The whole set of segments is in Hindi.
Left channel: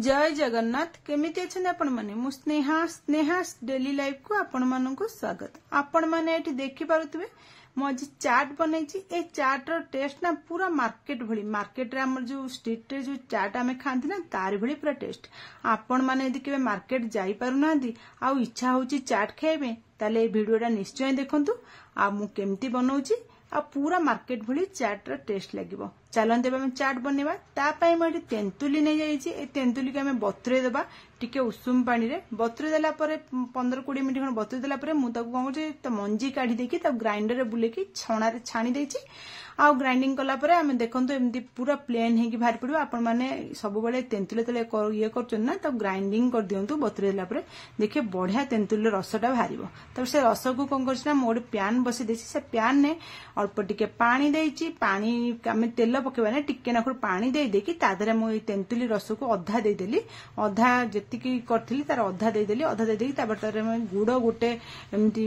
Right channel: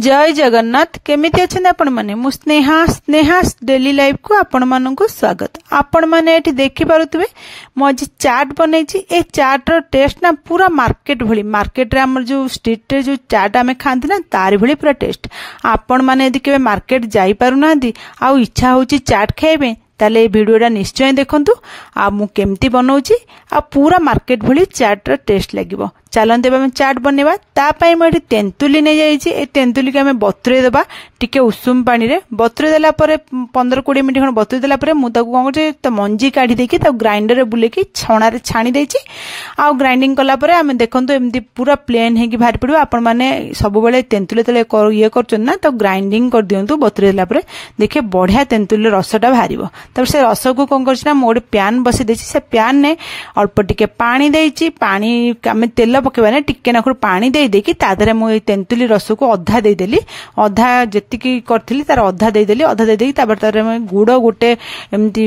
जय जगन्नाथ केमिति अच्छे आपण माने मु स्नेहा डेली लाइफ को आपण मानक स्वागत। आपण माने एठी देखि पारुतबे मु आज चाट बनैछि। ए चाट रो टेस्ट ना पूरा मार्केट भली, मार्केट रे हमर जो स्ट्रीट रे जो चाट आमे खांती ना तार भली पूरा टेस्ट। आपण माने यदि केबे मार्केट जाई पारु नांदी आ इच्छा होची चाट खाइबे ताले भिडियोटा निश्चय देखंतु आ मु केमती बनाउछि आ पूरा मार्केट भली चाट रो टेस्ट लागिबो। चलते आम चाट बनवा तापाई मुझे तेंतुली नहीं जाइए। ए तेंतुली को बतुरे देवा टिके उषुम पानी रे बतुरे देला परे 15-20 मिनट खंड बतुरे देला परे मुझे कौन कर मंजी काढ़ी देकी ग्राइंडर रे बुलेकी छणारे छाणी देछि आ ग्राइंडिंग कला परे आम देखंतु एमती पूरा प्लेन हेकी बाहर पड़ो। आपण माने सब बेले तेंतुली तले ये करछन ना तो ग्राइंडिंग कर दियंतु बतुरे देला परे देखिए बढ़िया तेंतुली रसटा बाहरिबो। तब से रस को कौन करछि ना मोडे पैन बसी देछि। से पैन ने अल्प टिके पानी देछि। पानी आम तेल पकेबा ने टिके नाखुर पानी दे देकी तादरे मु तेंतुली रस को अधा दे देली, अधा जेतिकी करथिली तार अधा दे देली, अधा दे देकी तापर तारे मैं गुड़ गोटे एमती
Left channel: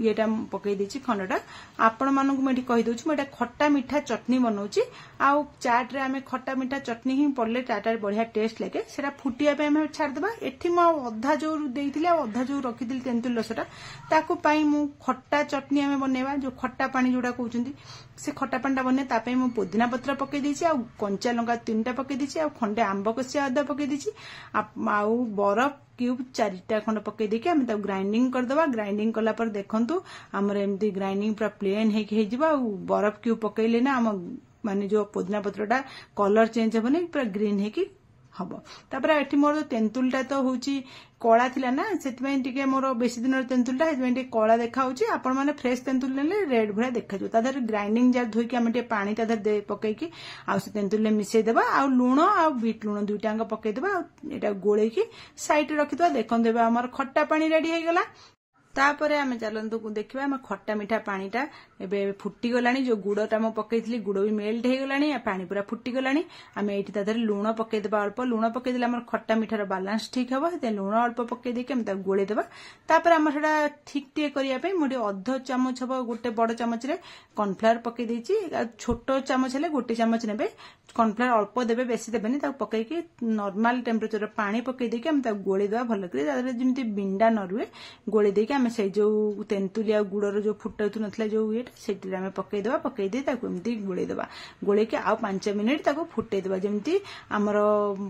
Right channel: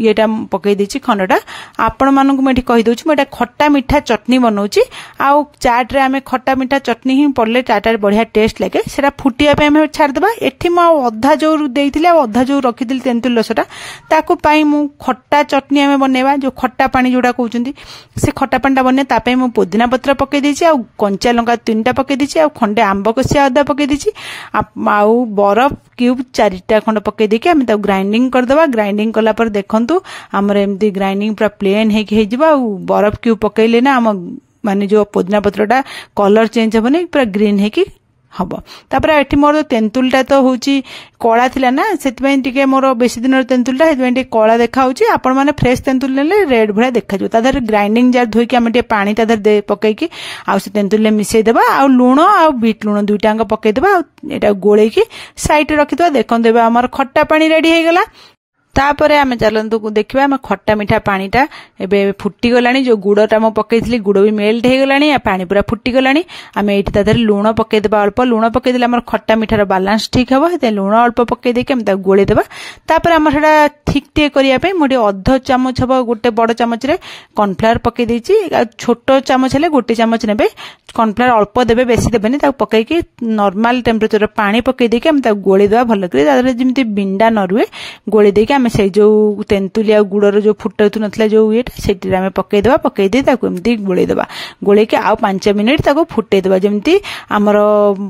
येटा पकई देछि खंडटा। आपण मानकु मैं कहि दउछि मैं खट्टा मीठा चटनी बनौछि। आ चाट रे आमे खट्टा मीठा चटनी ही पड़ले चाट बढ़िया टेस्ट लागे। सेटा फुटिया पे आमे छाड़ देबा। एठी मु अधा जो देइथिले आ अधा जो रखिथिली तेंतुली रसटा ताकू पाई मु खट्टा चटनी आमे बनेबा। जो खट्टा पानी जोडा कहउछंती से खट्टा पानीटा बने तापे मु पुदीना पत्र पकई देछि आ कंचा लंका 3टा पकई देछि आ खंडे आंब कसिया अदा पकई देछि आ बरफ क्यूब 4टा खंड पकई देके हम ग्राइंडिंग कर देबा। ग्राइंडिंग कला पर देखंतु हमर एमती ग्राइंडिंग पूरा प्लेन हेकी हे जिबा। बरफ क्यूब पकईले ना हम माने जो पुदीना पत्रटा कलर चेंज होबनी पूरा ग्रीन हेकी हम। तापर एठी मोर तेंतुलटा तो होची कला थिला ना सेति टिके मोर बेसी दिन तेंतुलटा हेति टिके कला देखा होची। आपण माने फ्रेश तेंतुल नेले रेड भळा देखा जो। तादर ग्राइंडिंग जार धोई के हम टिके पानी तादर दे पकई की आ से तेंतुल मिसई देबा आ लूण आ बीट लूण दुईटांग पकई देबा आ एटा गोळेई की साइड रे रखि देबा। देखन देबा हमर खट्टा पानी रेडी हे गेला। तापरे आमे चलंतु देखिबा आमे खट्टा मीठा पानीटा एबे फुटी गलानी। जो गुड़टा मो पकईथली गुड़ भी मेल्ट हे गलानी आ पानी पूरा फुटी गलानी। आमे एठी तादर लूण पकई देबा। अल्प लूण पकई देले हमर खट्टा मीठार बैलेंस ठीक हबो। ते लूण अल्प पकई देके हम ता गोळे देबा। तापरे हमर हेडा ठीक टे करिया पे मोडी अध चामच हबो गोटे बड़ चामच रे कॉर्नफ्लावर पकई देछि। छोटो चामच हेले गोटे चामच नेबे कॉर्नफ्लावर अल्प देबे बेसी देबेनी। ता पकई के नॉर्मल टेम्परेचर पानी पकई देके हम ता गोळे देबा भलो करे। तादर जेमति बिंडा न रुए गोळे देके से जो तेंतुली आ गुड़र जो फुटू नथिला जो येटा सेठी आमे पकई देबा। पकई दे ताको एमती गोळे देबा। गोळे के आ 5 मिनिट ताको फुटे देबा जेमती हमरो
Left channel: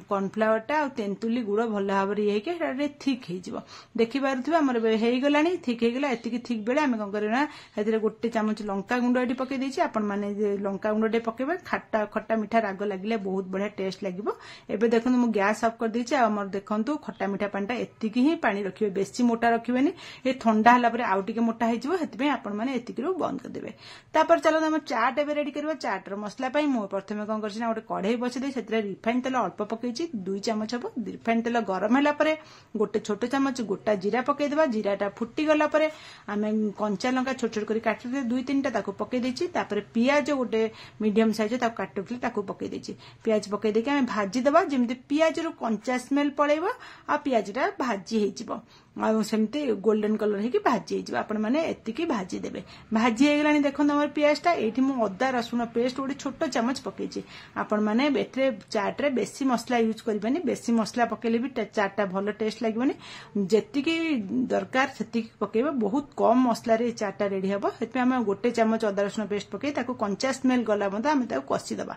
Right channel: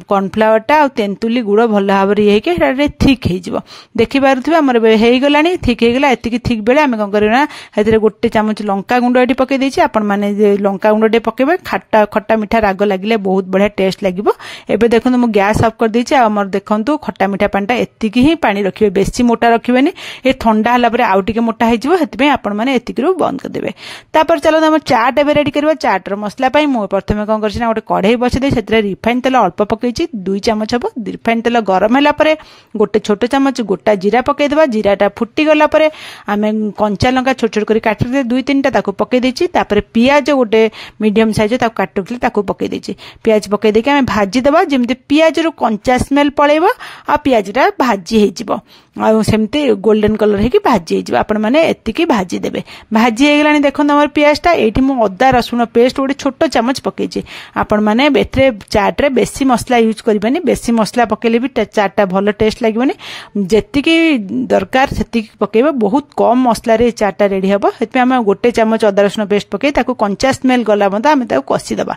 कॉर्नफ्लावरटा आ तेंतुली गुड़ भलो भाबरे हे के हेडा ठीक हे जिवो। देखि पारुथबे हमर हे गलानी ठीक हे गला। एतिकी ठीक बेले आमे कोन करना हेतिरे गोटे चामच लंका गुंड एठी पकई देछि। आपण माने जे लंका गुंड डे पकेबे खट्टा खट्टा मीठा राग लागिले बहुत बढ़िया टेस्ट लागिवो। एबे देखंतु मु गैस ऑफ कर देछि। हमर देखंतु खट्टा मीठा पानीटा एतिकी ही पानी रखिबे, बेसी मोटा रखिबेनी। ए ठंडा हला परे आउ टिके मोटा हेजिवो। हेतिबे आपण माने एतिकीरो बंद कर देबे। तापर चलो हम चाट एबे रेडी करबा। चाट रो मसला पई मु प्रथमे कोन करछि ना गोटे कढ़ाई बसि दे सेतरे रिफाइन तेल अल्प पकईछि 2 चामच हबो। रिफाइन तेल गरम होला परे गोटे छोटो चामच गोटा जीरा पकई देबा। जीराटा फुटी गला परे आमे कंचा लंका छोट छोट करी काटि दे 2-3टा ताको पकई देछि। तापर पियाज गोटे मीडियम साइज ताको काटुथले ताको पकई देछि। पियाज पकई देके आमे भाजी देबा जेमति पियाज रो कंचा स्मेल पळेबो आ पियाजटा भाजी हे जिवो आ सेमति गोल्डन कलर हे कि भाजी हे जिवो। आपण माने एतिकी भाजी देबे। भाजी हे गलानी देखन हमर पियाजटा एठी मु अदा रसुण पेस्ट गोटे छोटो चामच पकईछि। आपण माने एथरे चाट रे बेसी मसला यूज करबेनी। बेसी मसला पकेले भी चाटटा भलो टेस्ट लागबेनी। जेतिकी दरकार सेतिकी पकेबे। बहुत कम मसला रे चाटटा रेडी हबो। हेतपे हम गोटे चामच अदा रसुण पेस्ट पकई ताको कंचा स्मेल गला बंदा हम ताको कसी देबा।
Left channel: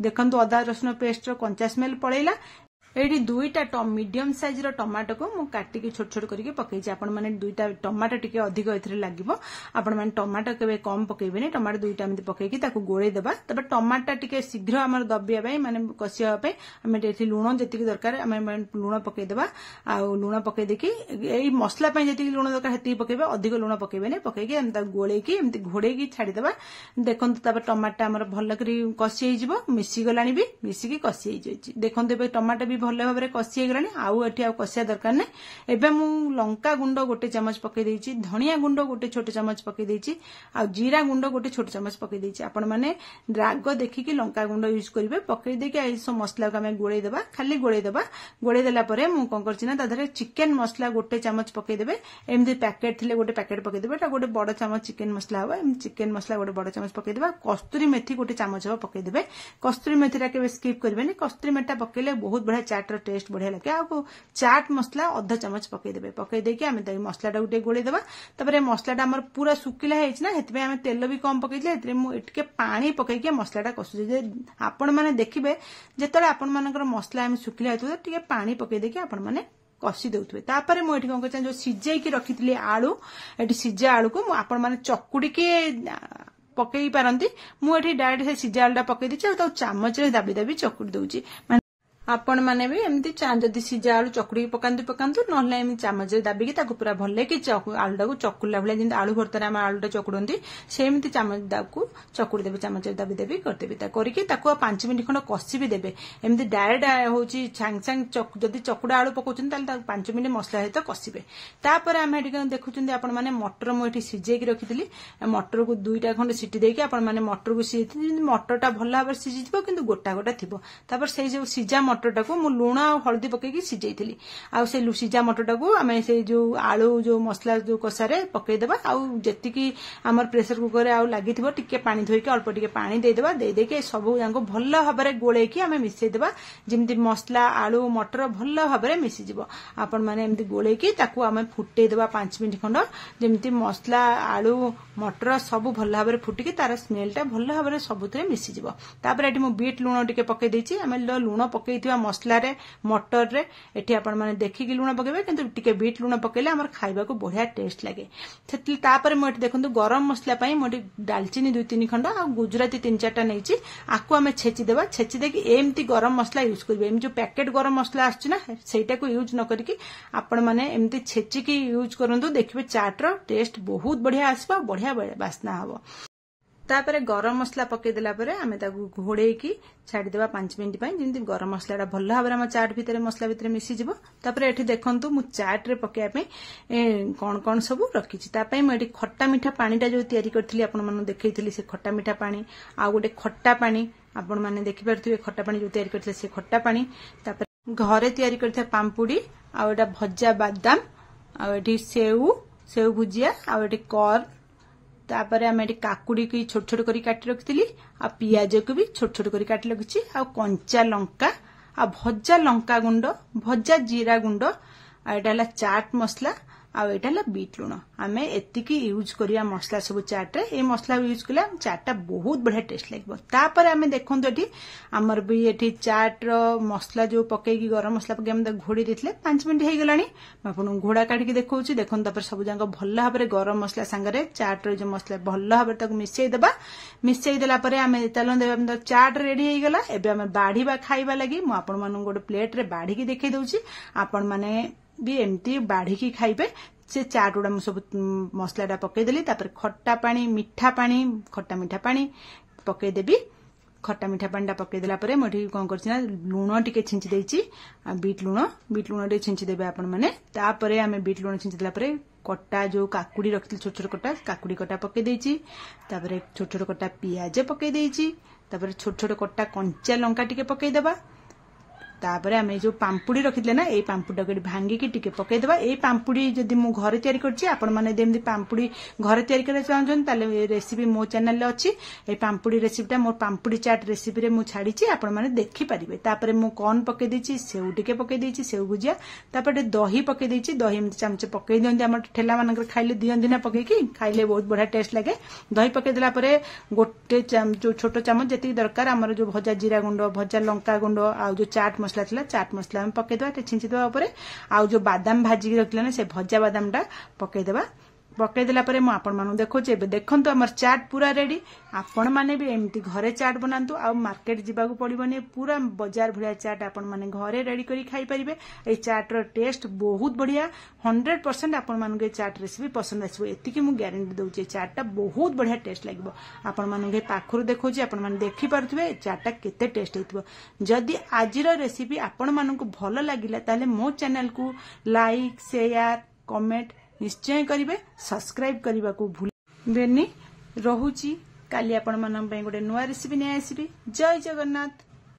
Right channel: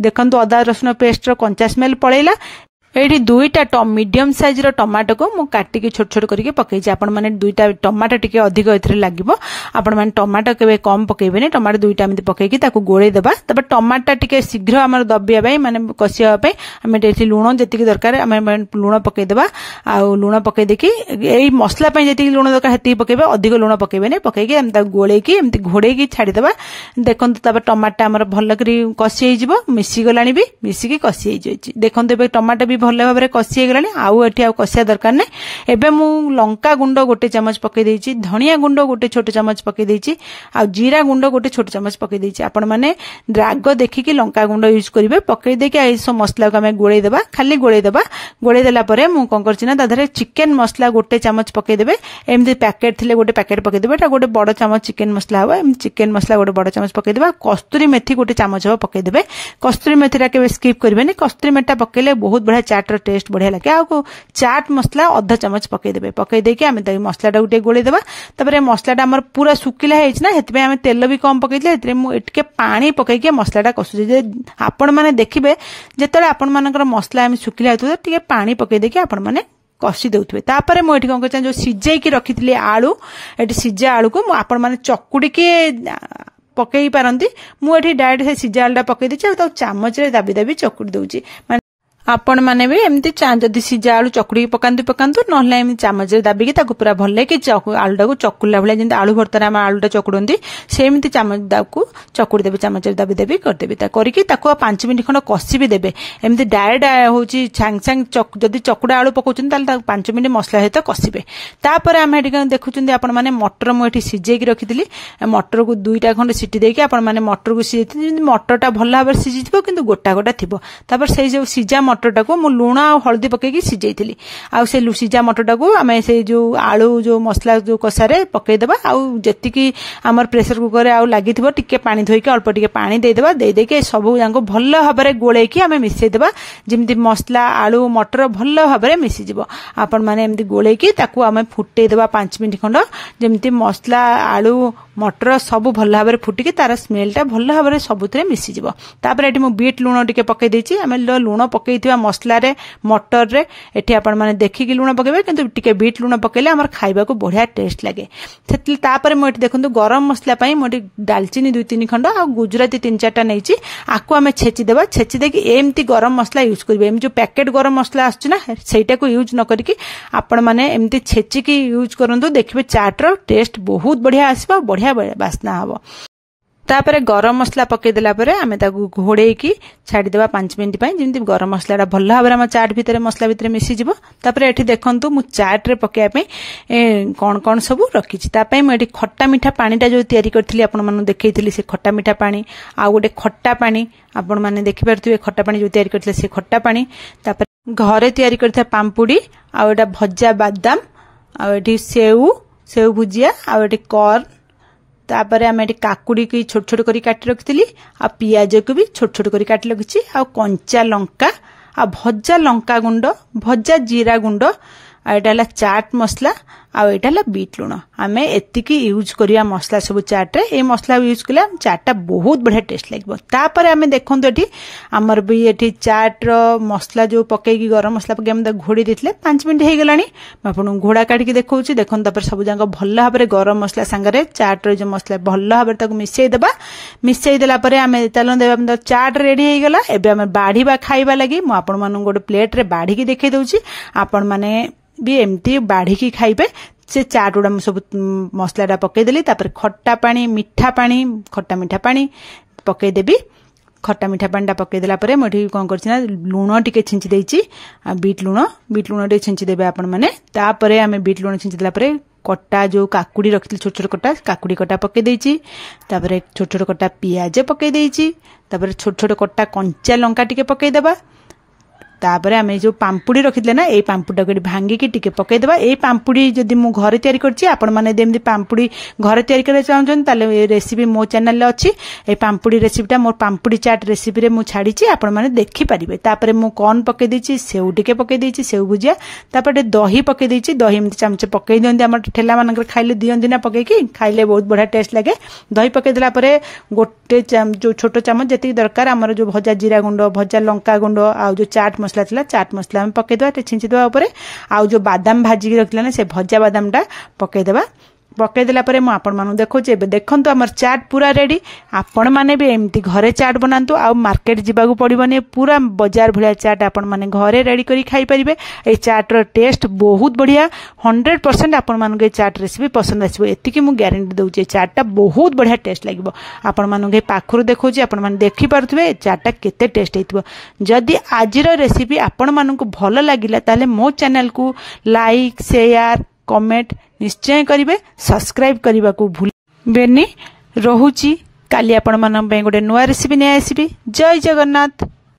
देखंतु अदा रसुण पेस्ट रो कंचा स्मेल पळेला। एठी 2टा मीडियम साइज रो टमाटो को मु काटी के छोट छोट करके पकईछि। आपण माने 2टा टमाटो टिके अधिक एथरे लागिवो। आपण माने टमाटो केबे कम पकईबेनी। टमाटो 2टा एमति पकईकी ताको गोळे देबा। तबे टमाटो टिके शीघ्र हमर दबिया बाई माने कसिया पे हमें एठी लूण जेतिकी दरकार हमें लूण पकई देबा। आ लूण पकई देकी एई मसला पे जेतिकी लूण दरकार हेति पकईबे। अधिक लूण पकईबेनी। पकईकी हम ता गोळेकी एमति घोड़ेकी छाडी देबा। देखंतु तबे टमाटो हमर भलो करी कसी हे जिवो। मिसी गलानी भी मिसी की कसी हे जैछि। देखंतु बे टमाटो भी भलो भाबरे कसी गलानी। आउ एठी आउ कसिया दरकार नै। एबे मु लंका गुंड गोटे चामच पकई देछि। धनिया गुंड गोटे छोटो चामच पकई देछि। आ जीरा गुंड गोटे छोटो चामच पकई देछि। आपण माने राग देखिकी लंका गुंड यूज करिवे। पकई देके एसो मसला को हमें गोळे देबा। खाली गोळे देबा। गोळे देला परे मु कोन करछि ना दाधरे चिकन मसला गोटे चामच पकई देबे। एमदी पैकेट थिले गोटे पैकेट पकई देबे। एटा गोटे बड़ चामच चिकन मसला हबा। एम चिकन मसला गोटे बड़ चामच पकई देबा। कस्तूरी मेथी गोटे चामच हबा पकई देबे। कस्तूरी मेथीरा के स्किप करबेनी। कस्तूरी मेथी पकेले बहुत बढ़िया चाट टेस्ट बढ़िया लगे। आ चाट मसला अधा चामच पकईदेवे, पकई देके आम मसलाटा गोटे गोलेदेवा। तापर मसलाटा आमर पूरा सुखिला होना, आम तेल भी कम पकईले मुझे पानी पकईके मसलाटा कसुचे। आपण मैंने देखिए जिते आपण मानकर मसला आम सुखिला होता टे पानी पकई देके आपण मैंने कषि देउथबे। तापर मु एठी कौन कर जो सिझेकी रखिथिली आलू, एठी सिझा आलू को आपण माने चकुड़ी के पकई पारंती। मु एठी डायरेक्ट से सिझा आलूटा पकई देछि आ चामच रे दाबी दाबी चकुड़ी दउछि। आपण मैंने भी एमती जदि सिझा आलू चकुड़ी पकातु पकातु ना चामच दाबिकी पूरा भल कि आलूटा को चकुला भाई जमी आलू भर्तार आम आलूटा चकुड़ती सेमती चामच को चकुड़ी देवे, चामच दाबी देवी करदेवी करके 5 मिनट खंड कषि भी देवे। एमती डायरेक्ट हूँ सांग सांग जदि चकुड़ा आलू पकाउछन 5 मिनट मसला सहित कषिबे। तापर आम ये देखुं आपण मैंने मटर मुझे सिझेकी रखी मटर को 2टा खंड सीटी देकी आपण मैंने मटर को सिझे मटरटा भल भाव सिझी कि गोटा गोटा थी। तापर से जो सिझा मटरटा को मु लुण आ हल्दी पकईकी सिझेइथिली। आ से सिझा मटरटा को आम से जो आलू जो मसला जो कषारे पकईदेवा। आती आमर प्रेसर कुकर आउ लगी टिके पानी धोईकी अल्प टिके पानी देदेवा। देदेके सबू जाक भल भाव गोलैकी आम मिसईदेवा जमी मसला आलू मटर भल भाव मिसीज। आपण मैंने एमती गोलैकी आम फुटेदेवा 5 मिनट खंड जमी मसला आलू मटर सब भल भाव फुटिकी तार स्मेलटा भल भाव सबुथे मिसीज। तापर ये बीट लुण टिके पकई देछि। आम लुण पकई मसला रे मटर रे एठी आपण माने देखिकी लुण पकेबे किंतु टिके बीट लुण पकेले हमर खाइबा को बढ़िया टेस्ट लागे। सेतली तापर मु एठी देखंतु गरम मसला पई मोटी दालचीनी 2-3 खंड आ गुजराती 3-4टा नैची आकु आमे छेची देबा। छेची देकी एमती गरम मसला यूज करबे। एम जो पैकेट गरम मसला आछी ना सेटा को यूज न करिकी आपण माने एमती छेची की यूज करंतु देखिबे चाट रो टेस्ट बहुत बढ़िया आसीबा, बढ़िया बास्ना हबो। तापर गरम मसला पकई देला परे आमे ताकू घोड़ेकी छाड़ी देबा 5 मिनट पई जेमती गरम मसलाटा भल भाव आम चाट भितर मसला भितर मिसी जिवो। तापर एठी देखंतु मु चाट रे पकेया पे कोन कोन सब रखिछि। तापय मु एठी खट्टा मीठा पानीटा जो तयारी करथिली आपण मानु देखैथिली से खट्टा मीठा पानी आ गोटे खट्टा पानी आपण माने देखि परथुवे खट्टा पानी जो तयारी करथिले से खट्टा पानी। तापर घरे तयारी करथिया पाम्पुडी आ एटा भज्जा बादाम आ एठी सेव भुजिया आ एठी कॉर्न। तापर आम ये काकुड़ी की छोट छोट करी काटी रखी आ पियाज को भी छोट छोट करी काटी रखी आ कंचा लंका आ भज्जा लंका गुंड भज्जा जीरा गुंड आ एटा चाट मसला आ एटा बीट लुण। आम एतिकी यूज करिया मसला सब चाट रे ए मसला यूज कले चाटा बहुत बढ़िया टेस्ट लगे। तापर आम देखो ये आमर भी ये चाट रो मसला जो पकईकी गरम मसला पकई आम घोड़ी देते 5 मिनट हो गलानी। आपन घोड़ा काटिकी देखो देखो तापर सब जाक भल भाव गरम मसला सांगरे चाट रो जो मसला भल भाव मिसई देबा। मिसई देला परे आम तेल देबा चाट रेडी हो गला। एबे आम बाढ़ीबा खाइबा लगी मु आपण मानु गोटे प्लेट रे बाढ़ीकी देखै दउची। आपण माने भी एमती बाढ़ीकी खाइबे। से चाट गुड़ा सब मसलाटा पकईदेली तापर खट्टा पानी मीठा पानी खट्टा मीठा पानी पकईदेवी। खट्टा मीठा पानीटा पकईदेला परे मुझे कौन करना लुण टिके छिंची देछि बीट लुण टिके छिंची देबे आपण माने। तापरे आमे बीट लुण छिंची देला परे कट्टा जो काकुड़ी रखी छोट छोट कट्टा काकुड़ी कट्टा पकई देछि। तापरे छोट छोट कट्टा पियाज पकई देछि। तापरे छोट छोट कट्टा कंचा लंका टिके पकई देबा। तापर आम जो पाम्पुड़ी रखी ना ये पाम्पुड़ा को भांगिकी टिके पकईदेवा। ये पाम्पुड़ी जदि मु घरे तैयारी करछि आपण माने देमती पाम्पुड़ी घरे तैयारी करे चाहछन ताले रेसिपी मो चैनल रे अछि। ए पाम्पुड़ी रेसिपीटा मोर पाम्पुड़ी चाट रेसिपी रे मु छाड़ीछि आपण माने देखि परिबे। तापर मु कॉर्न पकई देछि सेव टिके पकई देछि सेव भुजिया। तापर दही पकई देछि दही एमती चामच पकई दियंती हमर ठेला मानकर खाइले दियंती ना पकईकी खाइले बहुत बढ़िया टेस्ट लागे। दही पकई देला परे गोटे जो छोट चामच जति दरकार हमर जो भजा जीरा गुंड भजा लंका गुंड आ जो चाट मसला थिला चाट मसला हम पकईदेवा छिंची देवा ऊपर। आ जो बादाम भाजी रखला ना से भजा बादामटा पकईदेवा। पकईदेला परे मु आपण मानु देखौछि। एबे देखंतु हमर चाट पूरा रेडी। आपण माने भी एमती घरे चाट बनांतु आ मार्केट जिबागु पड़िबनी पूरा बाजार भलिया चाट आपण माने घरे रेडी करी खाई परिबे। ए चाट रो टेस्ट बहुत बढ़िया 100% आपण मानु के चाट रेसिपी पसंद आसीबो एतिकी मु गारंटी दउछि। चाटटा बहुत बढ़िया टेस्ट लागिबो। आपण मानु के पाखरु देखौछि आपण माने देखि पारुथबे चाटटा केते टेस्ट हेतिबो। जदि आजिर रेसिपी आपण मानु को भलो लागिला ताले मो चैनल को लाइक शेयर कमेंट निश्चय करिवे। सब्सक्राइब करने को भूलबेनी। रहुची काली आपण मानन पे गोटे नुआ रेसिपी नै आसीबी। जय जगन्नाथ।